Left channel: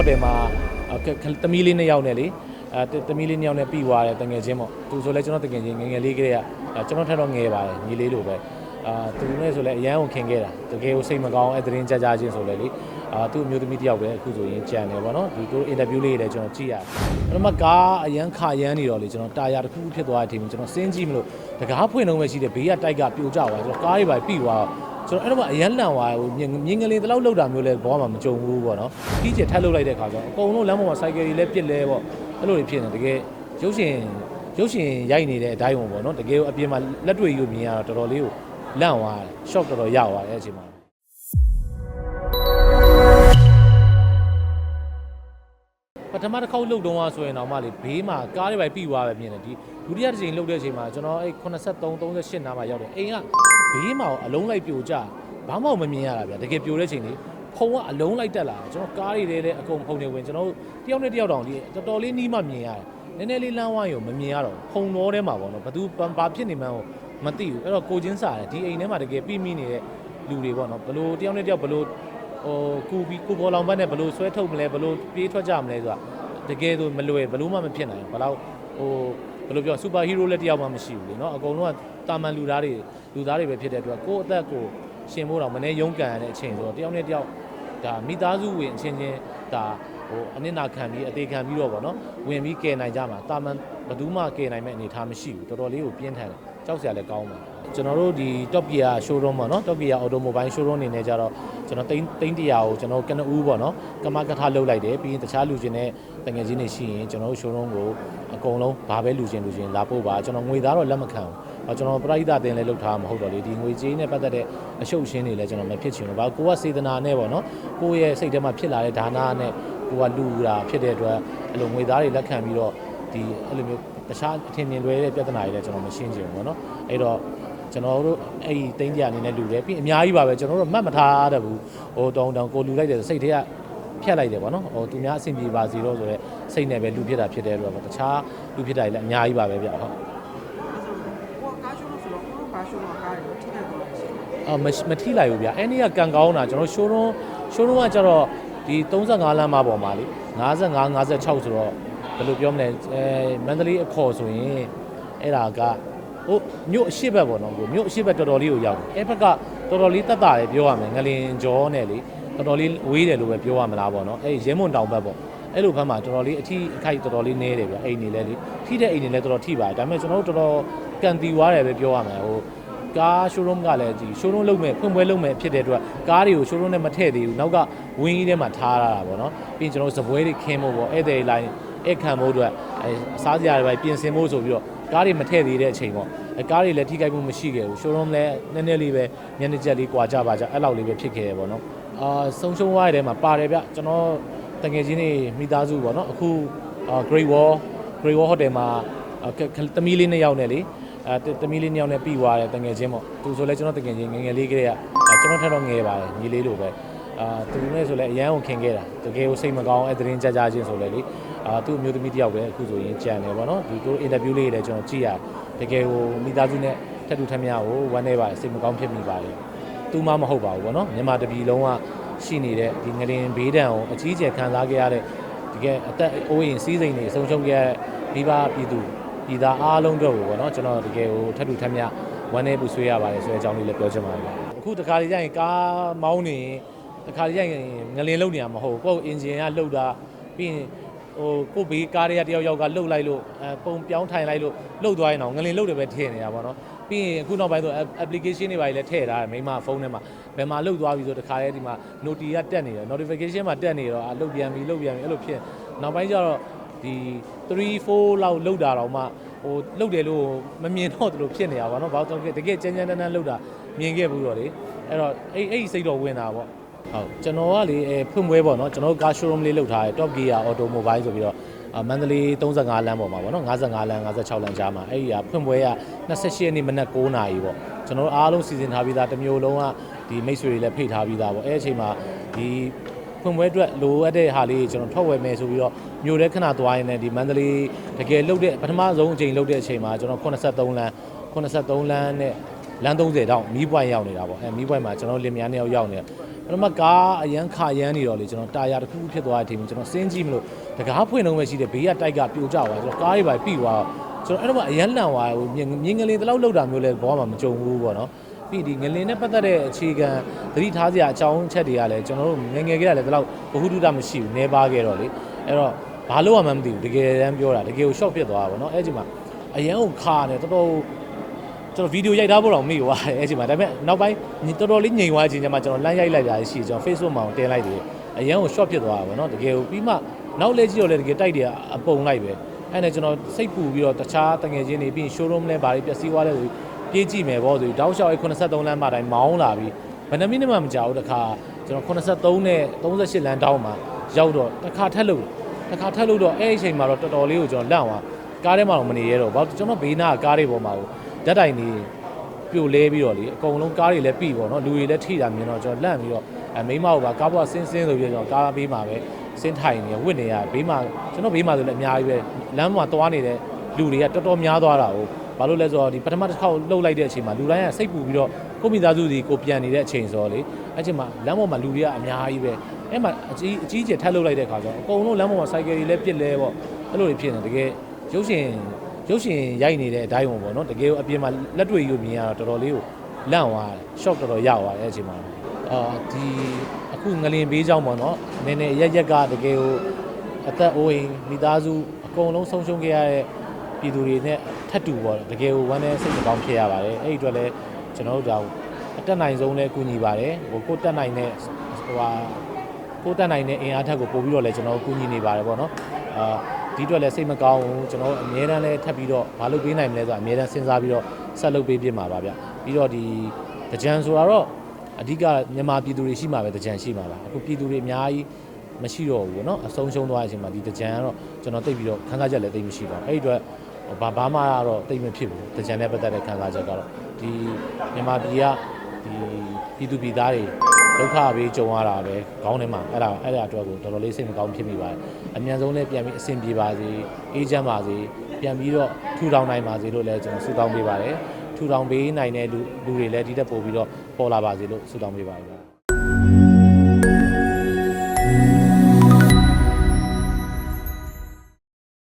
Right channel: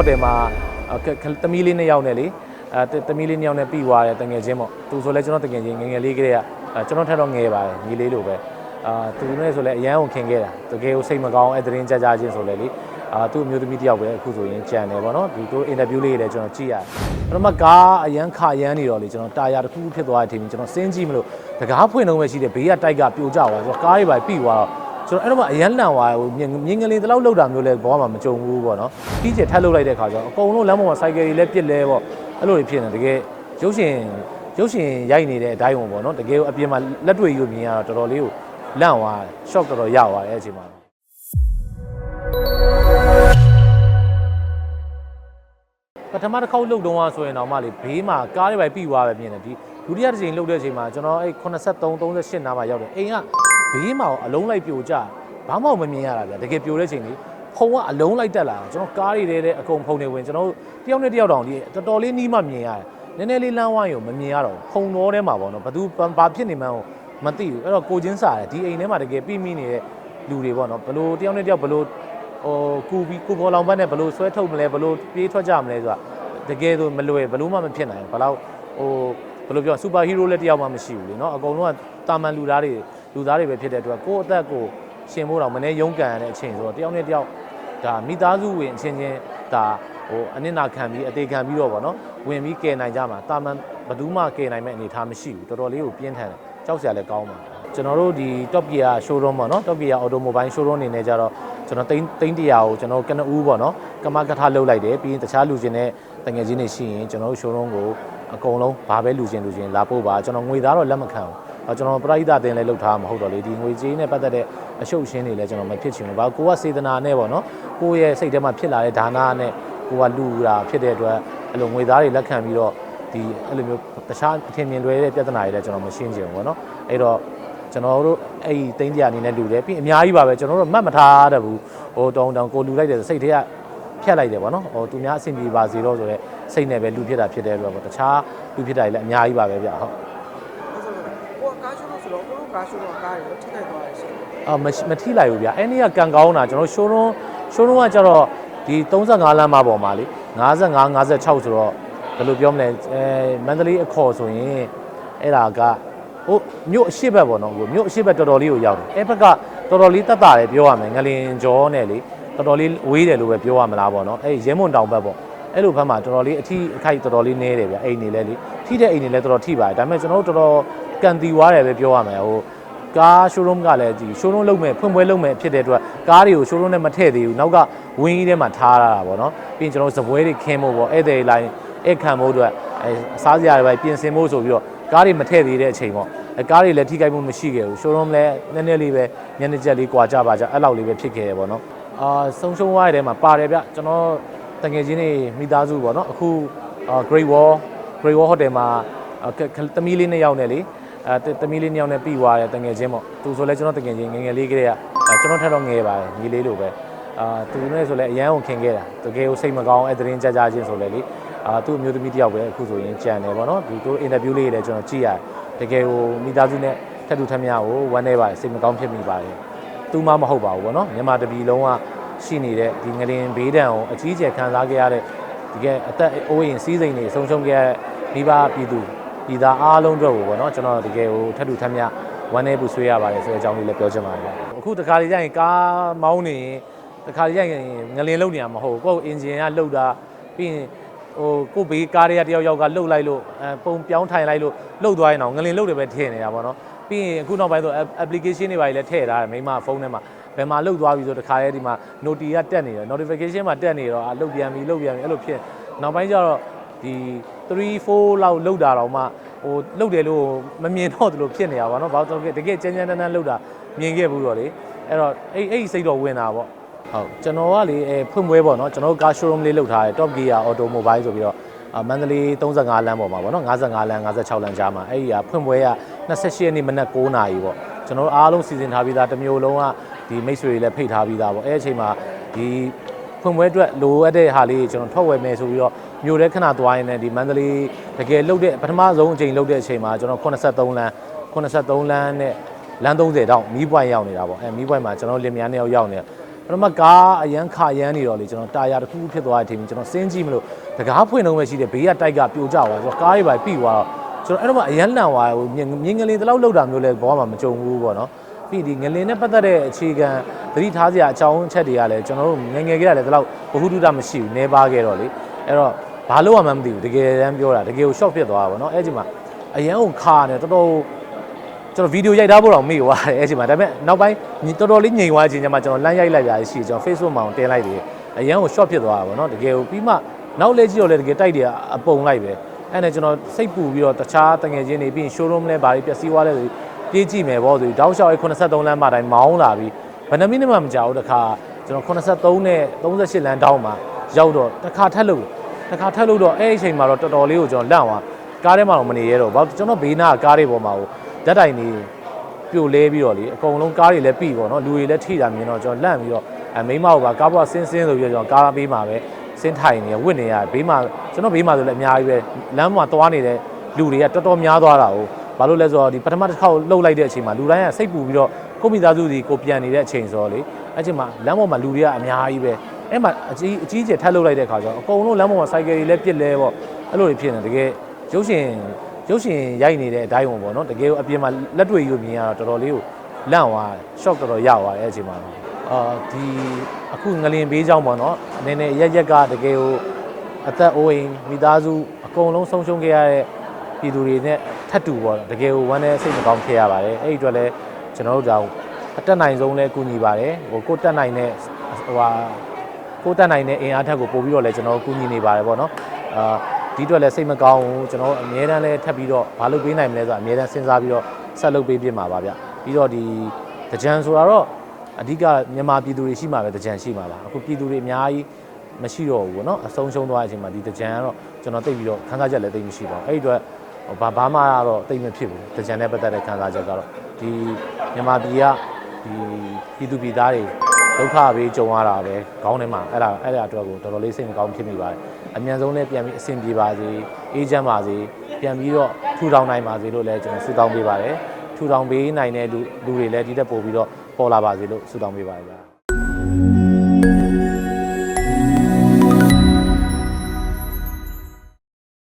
ဟိုတယ်မှာသမီးလေးနှစ်ယောက်နဲ့လေအဲသမီးလေးနှစ်ယောက်နဲ့ပြီးသွားတယ်တငယ်ချင်းပေါ့သူဆိုလဲကျွန်တော်တငယ်ချင်းငယ်ငယ်လေးကလေးကကျွန်တော်ထက်တော့ငယ်ပါတယ်ညီလေးလိုပဲအာသူနဲ့ဆိုလဲအရန်ကိုခင်ခဲ့တာတကယ်ကိုစိတ်မကောင်းအဲသတင်းကြကြချင်းဆိုလဲလေအာသူ့အမျိုးသမီးတယောက်ပဲအခုဆိုရင်ကြံတယ်ပေါ့နော်ဒီကိုအင်တာဗျူးလေးတွေလည်းကျွန်တော်ကြည့်ရတယ်ပထမကားအရန်ခရမ်းနေတော့လေကျွန်တော်တာယာတစ်ခုဖြစ်သွားတဲ့အချိန်ကျွန်တော်စဉ်းကြည့်မလို့တကားဖွင့်တော့ပဲရှိတယ်ဘေးကတိုက်ကပြိုကျသွားကျွန်တော်ကားတွေပါပြီးသွားတော့ ကျွန်တော်အဲ့တော့မှအရန်လန်သွားဟိုမြင်မြင်ကလေးတလောက်လောက်တာမျိုးလဲဘောမှာမကြုံဘူးပေါ့နော်ကြီးကျယ်ထပ်လောက်လိုက်တဲ့ခါကျတော့အကုန်လုံးလမ်းပေါ်မှာစိုက်ကယ်တွေလည်းပြစ်လဲပေါ့အဲ့လိုတွေဖြစ်နေတကယ်ရုပ်ရှင်ရုပ်ရှင်ရိုက်နေတဲ့အတိုင်းပေါ့နော်တကယ်အပြင်မှာလက်တွေ့ယူမြင်ရတော့တော်တော်လေးကိုလန့်သွား shock တော်တော်ရသွားတယ်အချိန်မှာပထမတစ်ခေါက်လှုပ်တုံးอ่ะဆိုရင်တော့မှလေဘေးမှာကားတွေပဲပြီးသွားပဲမြင်တယ်ဒီဒုတိယတစ်ချိန်လှုပ်တဲ့အချိန်မှာကျွန်တော်အဲ့83 38နားမှာရောက်တယ်အိမ်က ဘေးမှာအလုံးလိုက်ပြိုကျဘာမှမမြင်ရတာဗျတကယ်ပြိုတဲ့အချိန်လေးဖုံကအလုံးလိုက်တက်လာတယ်ကျွန်တော်ကားတွေထဲအကုန်ဖုံနေဝင်ကျွန်တော်တယောက်နဲ့တယောက်တောင်ဒီတော်တော်လေးနီးမှမြင်ရတယ်နည်းနည်းလေးလမ်းဝိုင်းကိုမမြင်ရတော့ဖုံတော်ထဲမှာပေါ့နော်ဘသူဘာဖြစ်နေမှန်းကိုမသိဘူးအဲ့တော့ကိုချင်းစားတယ်ဒီအိမ်ထဲမှာတကယ်ပြီးမိနေတဲ့လူတွေပေါ့နော်ဘလို့တယောက်နဲ့တယောက်ဘလို့ဟိုကူပြီးကိုပေါ်လောင်ဘက်နဲ့ဘလို့ဆွဲထုတ်မလဲဘလို့ပြေးထွက်ကြမလဲဆိုတာတကယ်ဆိုမလွယ်ဘလို့မှမဖြစ်နိုင်ဘလောက်ဟိုဘယ်လိုပြောစူပါဟီးရိုးလည်းတယောက်မှမရှိဘူးလေနော်အကုန်လုံးကတာမန်လူသားတွေ လူသားတွေပဲဖြစ်တဲ့အတွက်ကိုယ့်အသက်ကိုရှင်ဖို့တော့မနေရုန်းကန်ရတဲ့အချိန်ဆိုတော့တယောက်နဲ့တယောက်ဒါမိသားစုဝင်အချင်းချင်းဒါဟိုအနစ်နာခံပြီးအသေးခံပြီးတော့ဗောနော်ဝင်ပြီးကယ်နိုင်ကြမှာတာမန်ဘယ်သူမှကယ်နိုင်မဲ့အနေအထားမရှိဘူးတော်တော်လေးကိုပြင်းထန်တယ်ကြောက်စရာလည်းကောင်းပါကျွန်တော်တို့ဒီ Top Gear showroom ပေါ့နော် Top Gear Automobile showroom အနေနဲ့ကြတော့ကျွန်တော်တိန်းတိန်းတရာကိုကျွန်တော်ကနဦးပေါ့နော်ကမကထလုပ်လိုက်တယ်ပြီးရင်တခြားလူချင်းနဲ့တငယ်ချင်းတွေရှိရင်ကျွန်တော်တို့ showroom ကိုအကုန်လုံးဘာပဲလူချင်းလူချင်းလာပို့ပါကျွန်တော်ငွေသားတော့လက်မခံဘူးအဲ ကျွန်တော်ပရိသတ်တင်လည်းလုပ်ထားမှာမဟုတ်တော့လေဒီငွေကြေးနဲ့ပတ်သက်တဲ့အရှုပ်ရှင်းတွေလည်းကျွန်တော်မဖြစ်ချင်ဘူးဘာကိုကစေတနာနဲ့ပေါ့နော်ကိုယ့်ရဲ့စိတ်ထဲမှာဖြစ်လာတဲ့ဒါနနဲ့ကိုကလူတာဖြစ်တဲ့အတွက်အဲ့လိုငွေသားတွေလက်ခံပြီးတော့ဒီအဲ့လိုမျိုးတခြားအထင်မြင်လွဲတဲ့ပြဿနာတွေလည်းကျွန်တော်မရှင်းချင်ဘူးပေါ့နော်အဲ့တော့ကျွန်တော်တို့အဲ့ဒီတင်းကြအနေနဲ့လူတယ်ပြီးအများကြီးပါပဲကျွန်တော်တို့မှတ်မထားတတ်ဘူးဟိုတောင်းတောင်းကိုလူလိုက်တယ်စိတ်ထဲကဖြတ်လိုက်တယ်ပေါ့နော်ဟိုသူများအဆင်ပြေပါစေတော့ဆိုတော့စိတ်နဲ့ပဲလူဖြစ်တာဖြစ်တယ်လို့ပေါ့တခြားလူဖြစ်တာတွေလည်းအများကြီးပါပဲဗျဟုတ်ကိုကားရှိလို့ဆို တော့ကိုကားရှိလို့ကားရောထိခိုက်သွားရှိတယ်အာမမထိလိုက်ဘူးဗျအဲ့နေ့ကကန်ကောင်းတာကျွန်တော် showroom showroom ကကျတော့ဒီ35လမ်းမပေါ်မှာလေ55 56ဆိုတော့ဘယ်လိုပြောမလဲအဲမန္တလေးအခေါ်ဆိုရင်အဲ့ဒါကဟိုမြို့အရှိတ်ဘက်ပေါ့နော်ဟိုမြို့အရှိတ်ဘက်တော်တော်လေးကိုရောက်တယ်အဲ့ဘက်ကတော်တော်လေးတက်တာလေပြောရမယ်ငလင်ကျော်နဲ့လေတော်တော်လေးဝေးတယ်လို့ပဲပြောရမလားပေါ့နော်အဲ့ရဲမွန်တောင်ဘက်ပေါ့အဲ့လိုဘက်မှာတော်တော်လေးအထီးအခိုက်တော်တော်လေးနဲတယ်ဗျအိမ်နေလဲလေထိတဲ့အိမ်နေလဲတော်တော်ထိပါတယ်ဒါပေမဲ့ကျွန်တော်တို့တော်တော်ကန်တီွားတယ်ပဲပြောရမယ်ဟို ကား showroom ကလည်းဒီ showroom လုပ်မဲ့ဖွင့်ပွဲလုပ်မဲ့ဖြစ်တဲ့အတွက်ကားတွေကို showroom နဲ့မထည့်သေးဘူးနောက်ကဝင်းကြီးထဲမှာထားရတာပေါ့နော်ပြီးရင်ကျွန်တော်တို့ဇပွဲတွေခင်းဖို့ပေါ့ဧည့်သည်လိုင်းဧည့်ခံဖို့အတွက်အဲအစားစရာတွေပဲပြင်ဆင်ဖို့ဆိုပြီးတော့ကားတွေမထည့်သေးတဲ့အချိန်ပေါ့အဲကားတွေလည်းထိခိုက်မှုမရှိခဲ့ဘူး showroom လည်းနည်းနည်းလေးပဲညနေချက်လေးကွာကြပါကြအဲ့လောက်လေးပဲဖြစ်ခဲ့ရပေါ့နော်အာဆုံးရှုံးသွားတဲ့ထဲမှာပါတယ်ဗျကျွန်တော်တကယ်ချင်းတွေမိသားစုပေါ့နော်အခု Great Wall Great Wall Hotel မှာသမီးလေးနှစ်ယောက်နဲ့လေ အဲတမီးလေးနှစ်ယောက်နဲ့ပြီးသွားတယ်တငယ်ချင်းပေါ့သူဆိုလဲကျွန်တော်တငယ်ချင်းငယ်ငယ်လေးကလေးကကျွန်တော်ထက်တော့ငယ်ပါတယ်ညီလေးလိုပဲအာသူနဲ့ဆိုလဲအရန်ကိုခင်ခဲ့တာတကယ်ကိုစိတ်မကောင်းအဲသတင်းကြကြချင်းဆိုလဲလေအာသူ့အမျိုးသမီးတယောက်ပဲအခုဆိုရင်ကြံတယ်ပေါ့နော်ဒီကိုအင်တာဗျူးလေးတွေလည်းကျွန်တော်ကြည့်ရတယ်တကယ်ကိုမိသားစုနဲ့ထပ်တူထပ်မြကိုဝမ်းနေပါတယ်စိတ်မကောင်းဖြစ်မိပါတယ်သူမှမဟုတ်ပါဘူးပေါ့နော်မြန်မာတပြည်လုံးကရှိနေတဲ့ဒီငရင်ဘေးဒဏ်ကိုအကြီးအကျယ်ခံစားခဲ့ရတဲ့ဒီကဲအသက်အိုးအိမ်စီးစိမ်တွေဆုံးရှုံးခဲ့ရတဲ့မိဘပြည်သူ ဒီသားအားလုံးအတွက်ကိုပေါ့နော်ကျွန်တော်တကယ်ကိုထပ်တူထပ်မြဝမ်းနေပူဆွေးရပါတယ်ဆိုတဲ့အကြောင်းလေးလည်းပြောချင်ပါတယ်အခုတခါလေးကျရင်ကားမောင်းနေရင်တခါလေးကျရင်ငလင်လုံနေရမှာမဟုတ်ဘူးကိုယ့်အင်ဂျင်ကလှုပ်တာပြီးရင်ဟိုကိုယ့်ဘေးကားတွေကတယောက်ယောက်ကလှုပ်လိုက်လို့အဲပုံပြောင်းထိုင်လိုက်လို့လှုပ်သွားရင်တော့ငလင်လှုပ်တယ်ပဲထည့်နေတာပေါ့နော်ပြီးရင်အခုနောက်ပိုင်းဆို application တွေပါလည်းထည့်ထားတယ်မိမဖုန်းထဲမှာဘယ်မှာလှုပ်သွားပြီဆိုတခါလေးဒီမှာ noti ကတက်နေတယ် notification မှာတက်နေတော့အလှုပ်ပြန်ပြီလှုပ်ပြန်ပြီအဲ့လိုဖြစ်နောက်ပိုင်းကျတော့ ဒီ3 4လောက်လှုပ်တာတော့မှ ဟိုလှုပ်တယ်လို့မမြင်တော့သလိုဖြစ်နေတာပါเนาะဘာလို့တကယ်ကြမ်းကြမ်းတမ်းတမ်းလှုပ်တာမြင်ခဲ့ဘူးတော့လေအဲ့တော့အဲ့အဲ့ဒီစိတ်တော့ဝင်တာပေါ့ဟုတ်ကျွန်တော်ကလေအဲဖွင့်ပွဲပေါ့เนาะကျွန်တော်ကား showroom လေးလုပ်ထားတယ် Top Gear Automobile ဆိုပြီးတော့အာမန္တလေး35လမ်းပေါ်မှာပေါ့เนาะ55လမ်း56လမ်းကြားမှာအဲ့ဒီကဖွင့်ပွဲက28ရက်နေ့မနက်9နာရီပေါ့ကျွန်တော်တို့အားလုံးစီစဉ်ထားပြီးသားတစ်မျိုးလုံးကဒီမိတ်ဆွေတွေလည်းဖိတ်ထားပြီးသားပေါ့အဲ့ဒီအချိန်မှာဒီ ဖွင့်ပွဲအတွက်လိုအပ်တဲ့ဟာလေးကျွန်တော်ထွက်ဝယ်မယ်ဆိုပြီးတော့မြို့ထဲခဏသွားရင်လည်းဒီမန္တလေးတကယ်လှုပ်တဲ့ပထမဆုံးအချိန်လှုပ်တဲ့အချိန်မှာကျွန်တော်83လမ်း83လမ်းနဲ့လမ်း30တောင်မီးပွိုင်ရောက်နေတာပေါ့အဲမီးပွိုင်မှာကျွန်တော်လင်မယားနှစ်ယောက်ရောက်နေတာပထမကားအရန်ခါရမ်းနေတော့လေကျွန်တော်တာယာတစ်ခုခုဖြစ်သွားတဲ့အချိန်မှာကျွန်တော်စင်းကြည့်မလို့တကားဖွင့်တော့မှရှိတယ်ဘေးကတိုက်ကပြိုကျသွားကျွန်တော်ကားတွေပါပြီးသွားတော့ကျွန်တော်အဲ့တော့မှအရန်လန့်သွားဟိုမြင်မြင်ကလေးတလောက်လောက်တာမျိုးလဲဘောမှာမကြုံဘူးပေါ့နော် ပြီးဒီငလင်းနဲ့ပတ်သက်တဲ့အခြေခံသတိထားစရာအကြောင်းအချက်တွေကလည်းကျွန်တော်တို့ငယ်ငယ်ကတည်းကလည်းဒီလောက်ဘ ഹു တုတမရှိဘူးနေပါခဲ့တော့လေအဲ့တော့ဘာလို့မှမသိဘူးတကယ်တမ်းပြောတာတကယ်ကို short ဖြစ်သွားတာပေါ့နော်အဲ့ဒီမှာအရန်ကိုခါနေတော်တော်ကျွန်တော်ဗီဒီယိုရိုက်ထားဖို့တော့မေ့သွားတယ်အဲ့ဒီမှာဒါပေမဲ့နောက်ပိုင်းတော်တော်လေးငြိမ်သွားခြင်းကျမှကျွန်တော်လမ်းရိုက်လိုက်ရရှိကျွန်တော် Facebook မှာတင်လိုက်တယ်အရန်ကို short ဖြစ်သွားတာပေါ့နော်တကယ်ကိုပြီးမှနောက်လေကြည့်တော့လေတကယ်တိုက်တယ်အပုံလိုက်ပဲအဲ့နဲ့ကျွန်တော်စိတ်ပူပြီးတော့တခြားတငယ်ချင်းတွေပြီးရင် showroom နဲ့ဘာတွေပျက်စီးသွားလဲဆို ပြေးကြည့်မယ်ပေါ့ဆိုတောက်လျှောက်83လမ်းမှာတိုင်းမောင်းလာပြီးဘယ်နှမိနစ်မှမကြာဘူးတခါကျွန်တော်83နဲ့38လမ်းတောင်းမှာရောက်တော့တခါထက်လို့တခါထက်လို့တော့အဲ့ဒီအချိန်မှာတော့တော်တော်လေးကိုကျွန်တော်လန့်သွားကားထဲမှာတော့မနေရတော့ဘာလို့ကျွန်တော်ဘေးနားကားတွေပေါ်မှာကိုဓာတ်တိုင်နေပြိုလဲပြီးတော့လေအကုန်လုံးကားတွေလည်းပြီပေါ့နော်လူတွေလည်းထိတာမြင်တော့ကျွန်တော်လန့်ပြီးတော့အမိမကိုပါကားပေါ်ဆင်းဆင်းဆိုပြီးတော့ကျွန်တော်ကားဘေးမှာပဲဆင်းထိုင်နေဝစ်နေရဘေးမှာကျွန်တော်ဘေးမှာဆိုလည်းအများကြီးပဲလမ်းမှာသွားနေတဲ့လူတွေကတော်တော်များသွားတာကို ဘာလို့လဲဆိုတော့ဒီပထမတစ်ခေါက်လှုပ်လိုက်တဲ့အချိန်မှာလူတိုင်းကစိတ်ပူပြီးတော့ကိုမိသားစုစီကိုပြန်နေတဲ့အချိန်ဆိုတော့လေအဲ့ချိန်မှာလမ်းပေါ်မှာလူတွေကအများကြီးပဲအဲ့မှာအကြီးအကြီးကျယ်ထပ်လှုပ်လိုက်တဲ့ခါကျတော့အကုန်လုံးလမ်းပေါ်မှာစိုက်ကယ်တွေလည်းပြစ်လဲပေါ့အဲ့လိုတွေဖြစ်နေတကယ်ရုပ်ရှင်ရုပ်ရှင်ရိုက်နေတဲ့အတိုင်းဝင်ပေါ့နော်တကယ်ကိုအပြင်မှာလက်တွေ့ရုပ်မြင်ရတော့တော်တော်လေးကိုလန့်သွားတယ် shock တော်တော်ရသွားတယ်အဲ့အချိန်မှာအာဒီအခုငလင်ဘေးကြောင်းပေါ့နော်နည်းနည်းရက်ရက်ကတကယ်ကိုအသက်အိုးအိမ်မိသားစုအကုန်လုံးဆုံးရှုံးခဲ့ရတဲ့ ပြည်သူတွေနဲ့ထပ်တူပေါ့တကယ်ကိုဝမ်းနဲ့စိတ်မကောင်းဖြစ်ရပါတယ်အဲ့ဒီအတွက်လည်းကျွန်တော်တို့ဒါအတက်နိုင်ဆုံးလည်းကူညီပါတယ်ဟိုကိုတက်နိုင်တဲ့ဟိုဟာကိုယ်တက်နိုင်တဲ့အင်အားထက်ကိုပို့ပြီးတော့လည်းကျွန်တော်တို့ကူညီနေပါတယ်ပေါ့နော်အာဒီအတွက်လည်းစိတ်မကောင်းဘူးကျွန်တော်တို့အများတန်းလည်းထပ်ပြီးတော့မလုပ်ပေးနိုင်မလဲဆိုတာအများတန်းစဉ်းစားပြီးတော့ဆက်လုပ်ပေးပြမှာပါဗျပြီးတော့ဒီတကြံဆိုတာတော့အဓိကမြန်မာပြည်သူတွေရှိမှာပဲတကြံရှိမှာပါအခုပြည်သူတွေအများကြီးမရှိတော့ဘူးပေါ့နော်အဆုံးရှုံးသွားတဲ့အချိန်မှာဒီတကြံကတော့ကျွန်တော်သိပြီးတော့ခန်းစားချက်လည်းသိမရှိတော့ဘူးအဲ့ဒီအတွက် ဘာဘာမှတော့သိမဖြစ်ဘူးတကြံနဲ့ပတ်သက်တဲ့ခန်းစားချက်ကတော့ဒီမြန်မာပြည်ကဒီပြည်သူပြည်သားတွေဒုက္ခပဲကြုံရတာပဲခေါင်းထဲမှာအဲ့ဒါအဲ့ဒါအတွက်ကိုတော်တော်လေးစိတ်မကောင်းဖြစ်မိပါတယ်အမြန်ဆုံးလည်းပြန်ပြီးအဆင်ပြေပါစေအေးချမ်းပါစေပြန်ပြီးတော့ထူထောင်နိုင်ပါစေလို့လည်းကျွန်တော်ဆုတောင်းပေးပါတယ်ထူထောင်ပေးနိုင်တဲ့လူလူတွေလည်းဒီတက်ပို့ပြီးတော့ပေါ်လာပါစေလို့ဆုတောင်းပေးပါတယ်ဗျာ